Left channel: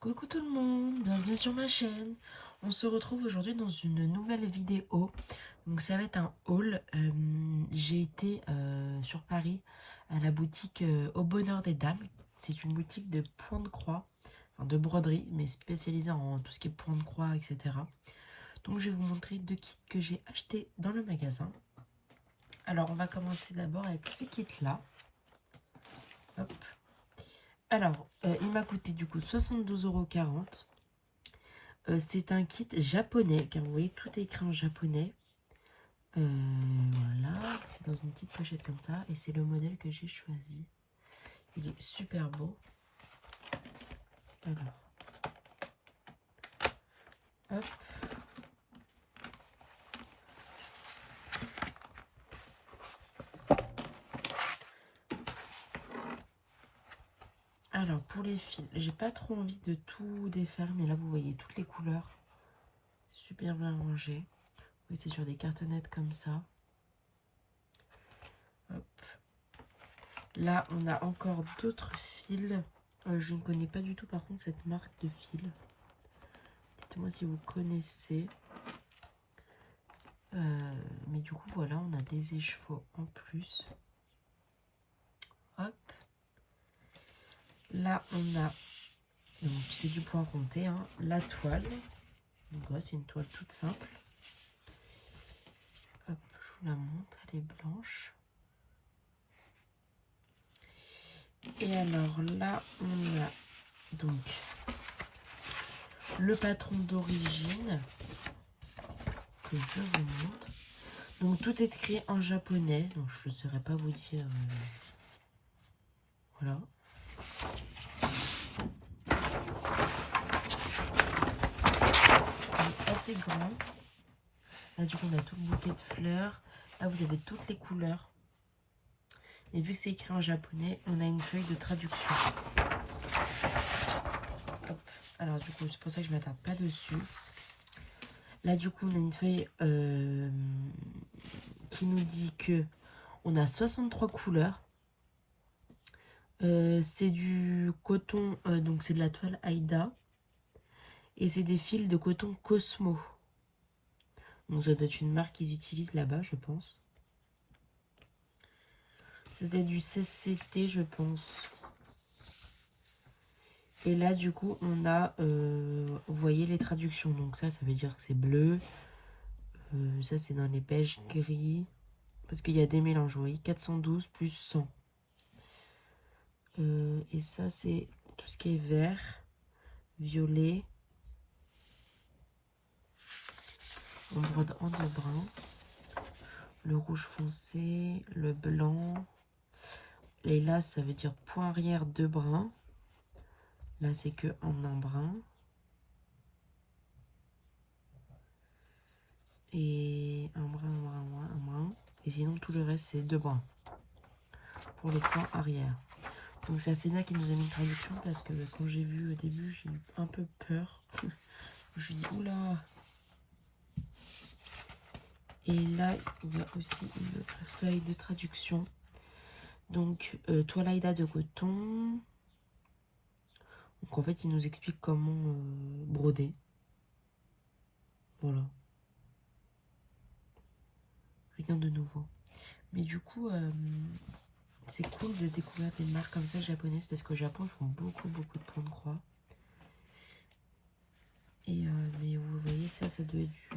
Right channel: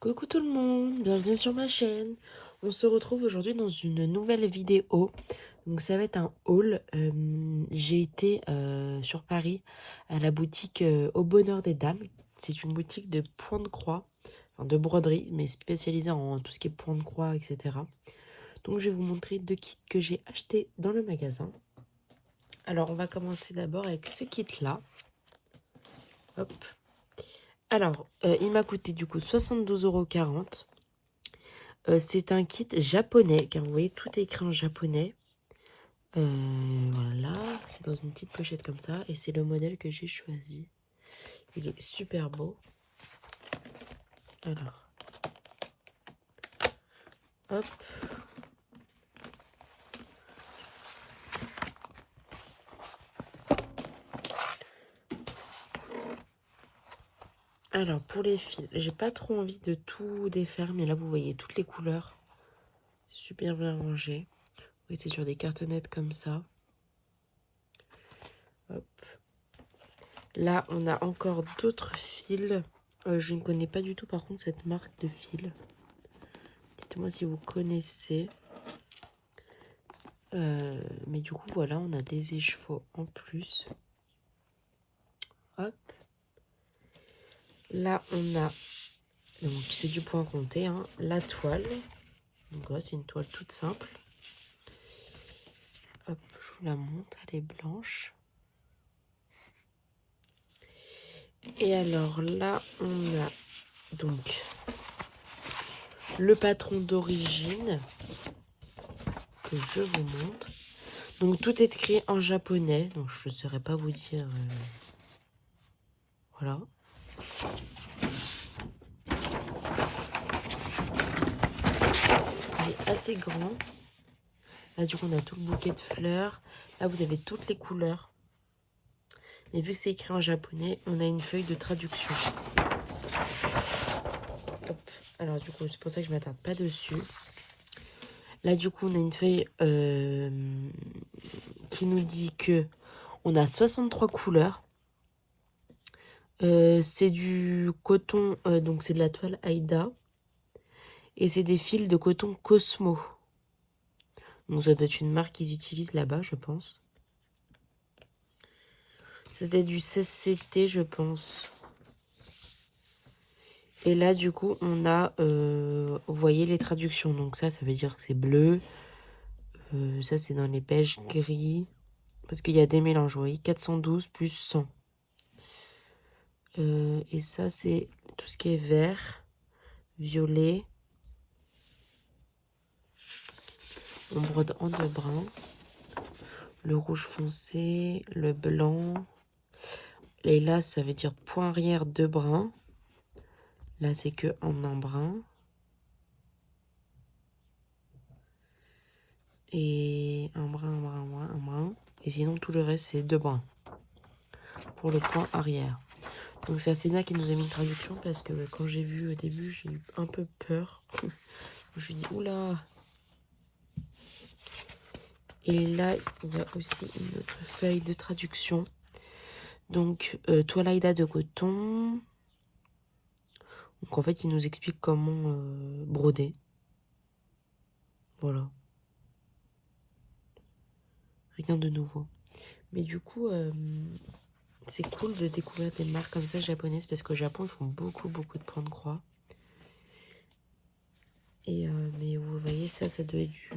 Coucou tout le monde, bienvenue sur ma chaîne. On se retrouve aujourd'hui dans une nouvelle vidéo. Donc ça va être un haul. J'ai été sur Paris à la boutique Au Bonheur des Dames. C'est une boutique de point de croix, enfin de broderie, mais spécialisée en tout ce qui est point de croix, etc. Donc je vais vous montrer deux kits que j'ai achetés dans le magasin. Alors on va commencer d'abord avec ce kit là. Hop. Alors, il m'a coûté du coup 72,40 €. C'est un kit japonais, car vous voyez, tout est écrit en japonais. Voilà, c'est dans une petite pochette comme ça, et c'est le modèle que j'ai choisi. Il est super beau. Alors, hop. Alors, pour les fils, j'ai pas trop envie de tout défaire, mais là, vous voyez toutes les couleurs. Super bien rangé. Oui, c'est sur des cartonnettes comme ça. Hop. Là, on a encore d'autres fils. Je ne connais pas du tout, par contre, cette marque de fils. Dites-moi si vous connaissez. Mais du coup, voilà, on a des écheveaux en plus. Hop. Là, on a, donc c'est du point compté, hein, la toile. Donc voilà, c'est une toile toute simple. Hop, je vous la montre, elle est blanche. Et alors là, on a donc le patron d'origine que je vous montre. Donc tout est écrit en japonais, donc je ne saurais pas vous dire. Voilà. Il est assez grand. Là, du coup, on a tout le bouquet de fleurs. Là, vous avez toutes les couleurs. Et vu que c'est écrit en japonais, on a une feuille de traduction. Hop. Alors, du coup, c'est pour ça que je ne m'attarde pas dessus. Là, du coup, on a une feuille qui nous dit que on a 63 couleurs. C'est du coton, donc c'est de la toile Aïda. Et c'est des fils de coton Cosmo. Donc ça doit être une marque qu'ils utilisent là-bas, je pense. C'était du 16CT, je pense. Et là, du coup, on a, vous voyez les traductions. Donc ça veut dire que c'est bleu. Ça, c'est dans les beiges gris. Parce qu'il y a des mélanges, vous voyez. 412 plus 100. Et ça, c'est tout ce qui est vert, violet. On brode en deux brins. Le rouge foncé, le blanc. Et là, ça veut dire point arrière, deux brins. Là, c'est que en un brin. Et un brin, un brin, un brin, un brin. Et sinon, tout le reste, c'est deux brins. Pour le point arrière. Donc, c'est assez bien qu'il nous ait mis une traduction parce que quand j'ai vu au début, j'ai eu un peu peur. Je me suis dit, oula. Et là, il y a aussi une autre feuille de traduction. Donc, toile Aïda de coton. Donc, en fait, il nous explique comment broder. Voilà. Rien de nouveau. Mais du coup, c'est cool de découvrir des marques comme ça japonaises parce qu'au Japon, ils font beaucoup de points de croix. Et mais vous voyez, ça doit être du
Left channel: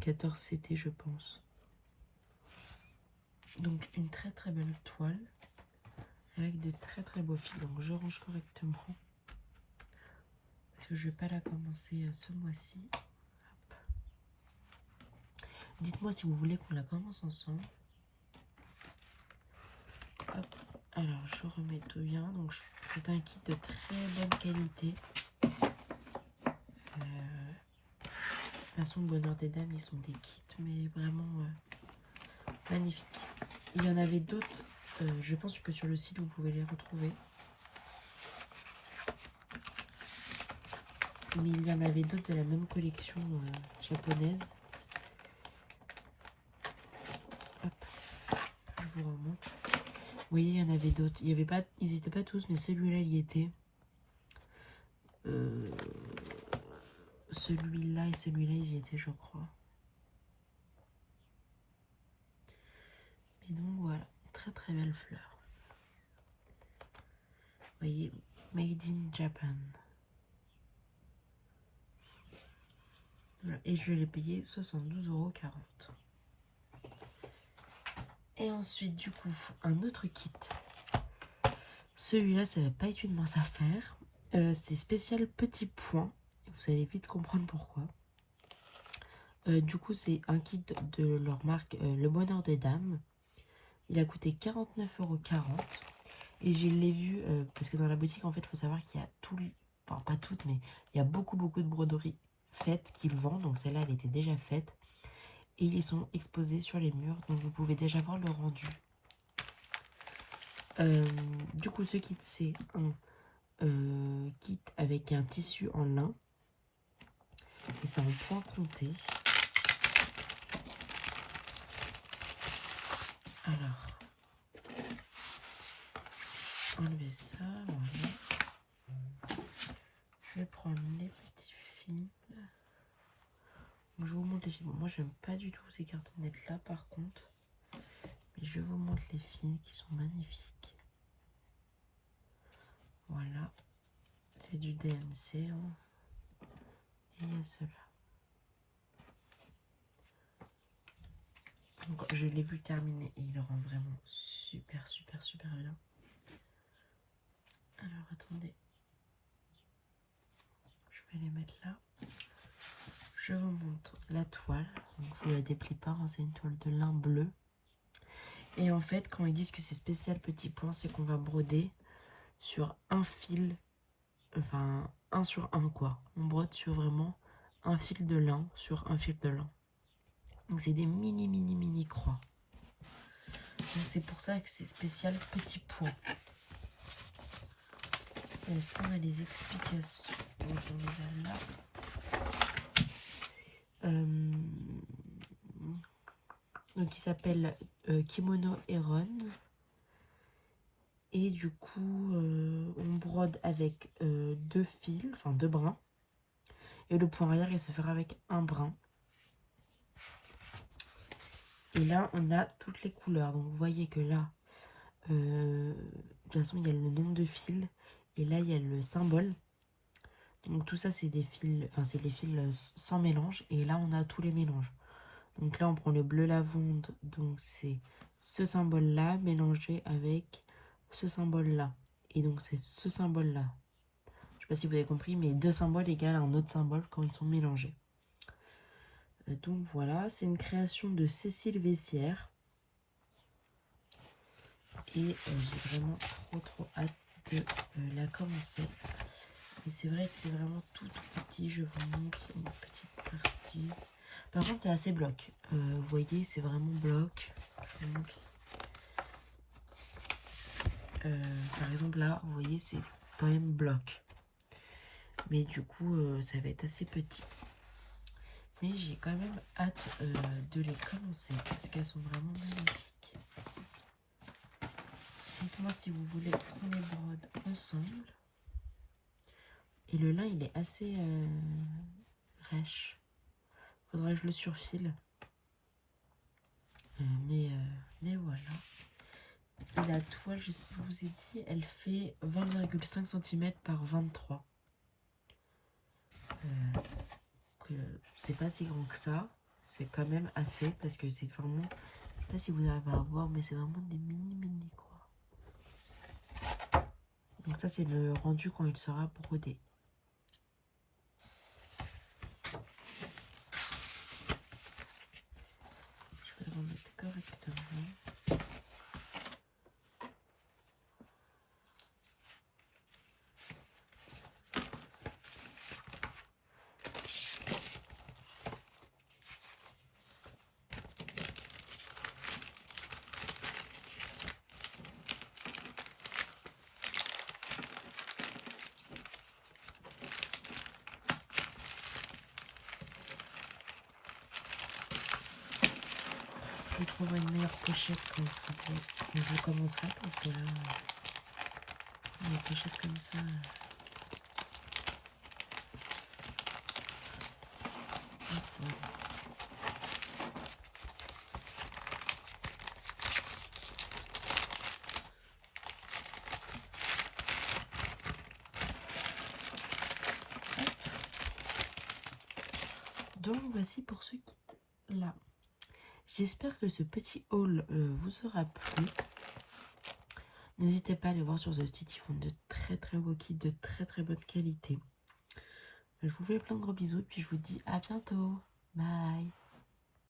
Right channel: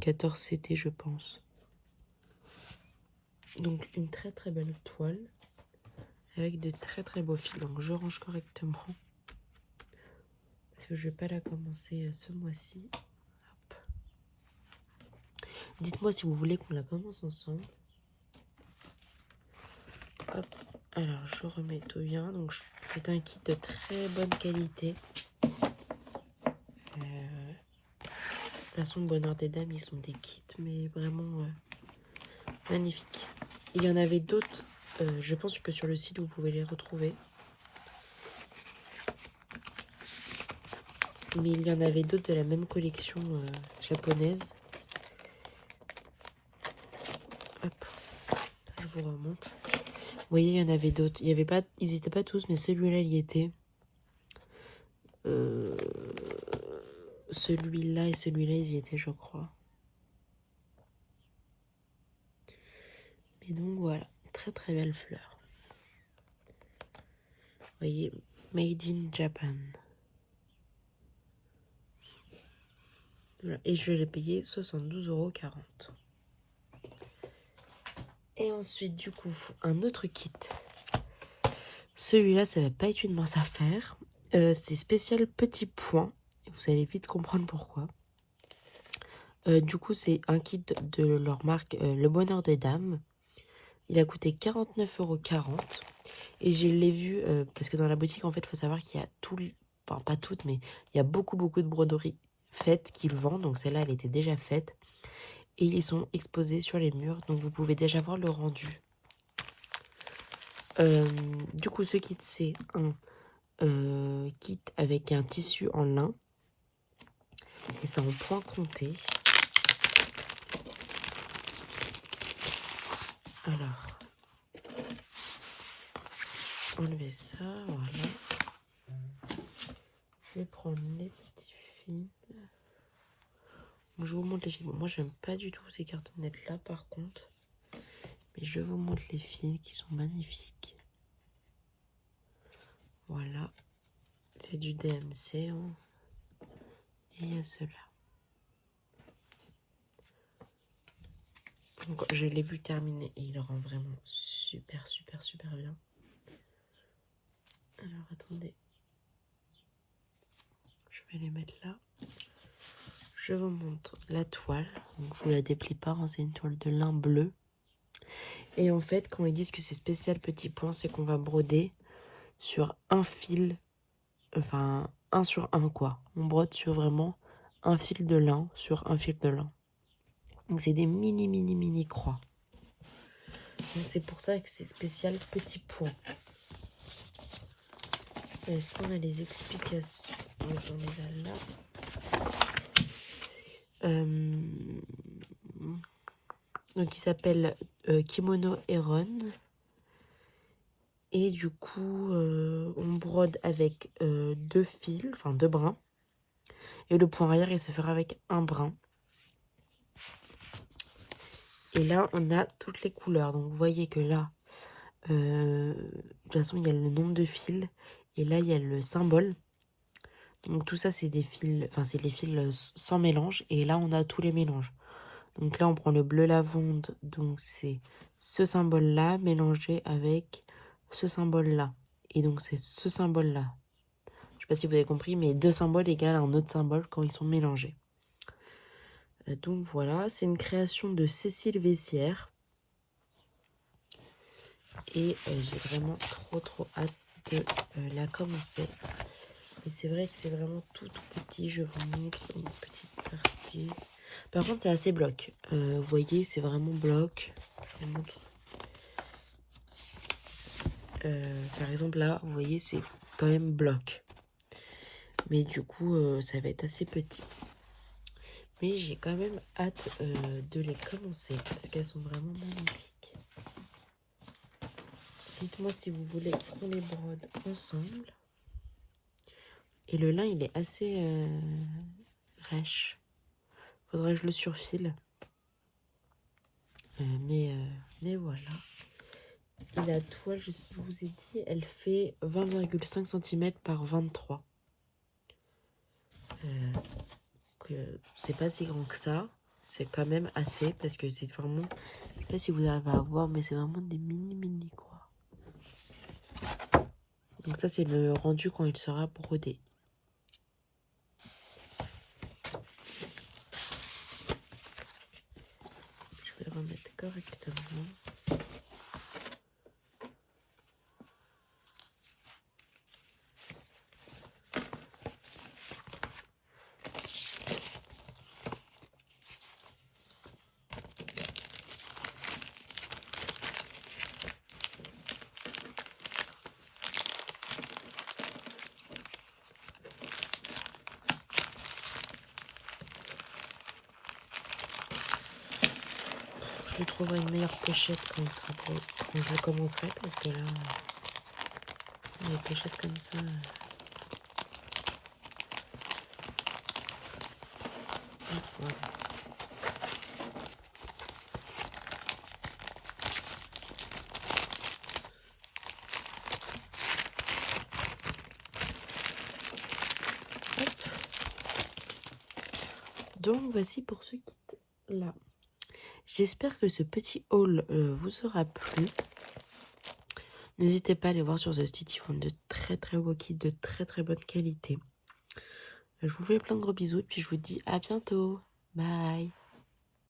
14CT, je pense. Donc, une très belle toile avec de très beaux fils. Donc, je range correctement parce que je vais pas la commencer ce mois-ci. Dites-moi si vous voulez qu'on la commence ensemble. Hop. Alors, je remets tout bien. Donc, c'est un kit de très bonne qualité. De toute façon, Bonheur des Dames, ils sont des kits, mais vraiment magnifiques. Il y en avait d'autres. Je pense que sur le site, vous pouvez les retrouver. Mais il y en avait d'autres de la même collection japonaise. Hop, je vous remonte. Vous voyez, il y en avait d'autres. Il y avait pas, ils n'étaient pas tous, mais celui-là, il y était. celui-là et celui-là, ils y étaient, je crois. Et donc voilà, très très belle fleur. Vous voyez, Made in Japan. Voilà. Et je l'ai payé 72,40 €. Et ensuite, du coup, un autre kit. Celui-là, ça va pas être une mince affaire. C'est spécial petit point. Vous allez vite comprendre pourquoi. Du coup, c'est un kit de leur marque Le Bonheur des Dames. Il a coûté 49,40 €. Et je l'ai vu, parce que dans la boutique, en fait, il faut savoir qu'il y a tout, enfin pas toutes, mais il y a beaucoup de broderies faites qu'ils vendent. Donc celle-là, elle était déjà faite. Et ils sont exposés sur les murs, donc vous pouvez déjà voir le rendu. Du coup, ce kit, c'est un kit avec un tissu en lin. Et c'est en point compté. Alors, enlever ça, voilà. Je vais prendre les petits fils. Je vous montre les fils. Bon, moi, j'aime pas du tout ces cartonnettes-là, par contre. Mais je vous montre les fils qui sont magnifiques. Voilà. C'est du DMC. Hein. Et il y a ceux-là. Donc, je l'ai vu terminer et il rend vraiment super bien. Alors, attendez. Je vais les mettre là. Je vous montre la toile. Donc, je ne la déplie pas, hein, c'est une toile de lin bleu. Et en fait, quand ils disent que c'est spécial petit point, c'est qu'on va broder sur un fil, enfin, 1 sur 1, quoi. On brode sur vraiment un fil de lin sur un fil de lin. Donc, c'est des mini croix. Donc, c'est pour ça que c'est spécial petit point. Est-ce qu'on a les explications? Donc, on les a là. Donc il s'appelle Kimono Heron. Et du coup, on brode avec 2 fils, enfin 2 brins. Et le point arrière, il se fera avec un brin. Et là, on a toutes les couleurs. Donc vous voyez que là, de toute façon, il y a le nombre de fils. Et là, il y a le symbole. Donc tout ça, c'est des fils, enfin c'est les fils sans mélange. Et là, on a tous les mélanges. Donc là, on prend le bleu lavande. Donc c'est ce symbole-là mélangé avec ce symbole-là. Et donc c'est ce symbole-là. Je sais pas si vous avez compris, mais 2 symboles égale un autre symbole quand ils sont mélangés. Donc voilà, c'est une création de Cécile Vessière. Et j'ai vraiment trop hâte de la commencer. Et c'est vrai que c'est vraiment tout petit. Je vous montre une petite partie. Par contre, c'est assez bloc. Vous voyez, c'est vraiment bloc. Je vous montre. Par exemple, là, vous voyez, c'est quand même bloc. Mais du coup, ça va être assez petit. Mais j'ai quand même hâte de les commencer parce qu'elles sont vraiment magnifiques. Dites-moi si vous voulez qu'on les brode ensemble. Et le lin, il est assez rêche. Faudrait que je le surfile. Mais voilà. Et la toile, je vous ai dit, elle fait 20,5 cm par 23. C'est pas si grand que ça. C'est quand même assez parce que c'est vraiment... Je sais pas si vous arrivez à voir, mais c'est vraiment des mini quoi. Donc ça, c'est le rendu quand il sera brodé. Je vais le remettre correctement. Je trouverai une meilleure pochette quand je commencerai parce que là, les pochettes comme ça... Donc voici pour ce kit là. J'espère que ce petit haul vous aura plu. N'hésitez pas à aller voir sur The Stitch, ils font de très beaux kits, de très bonne qualité. Je vous fais plein de gros bisous et puis je vous dis à bientôt. Bye.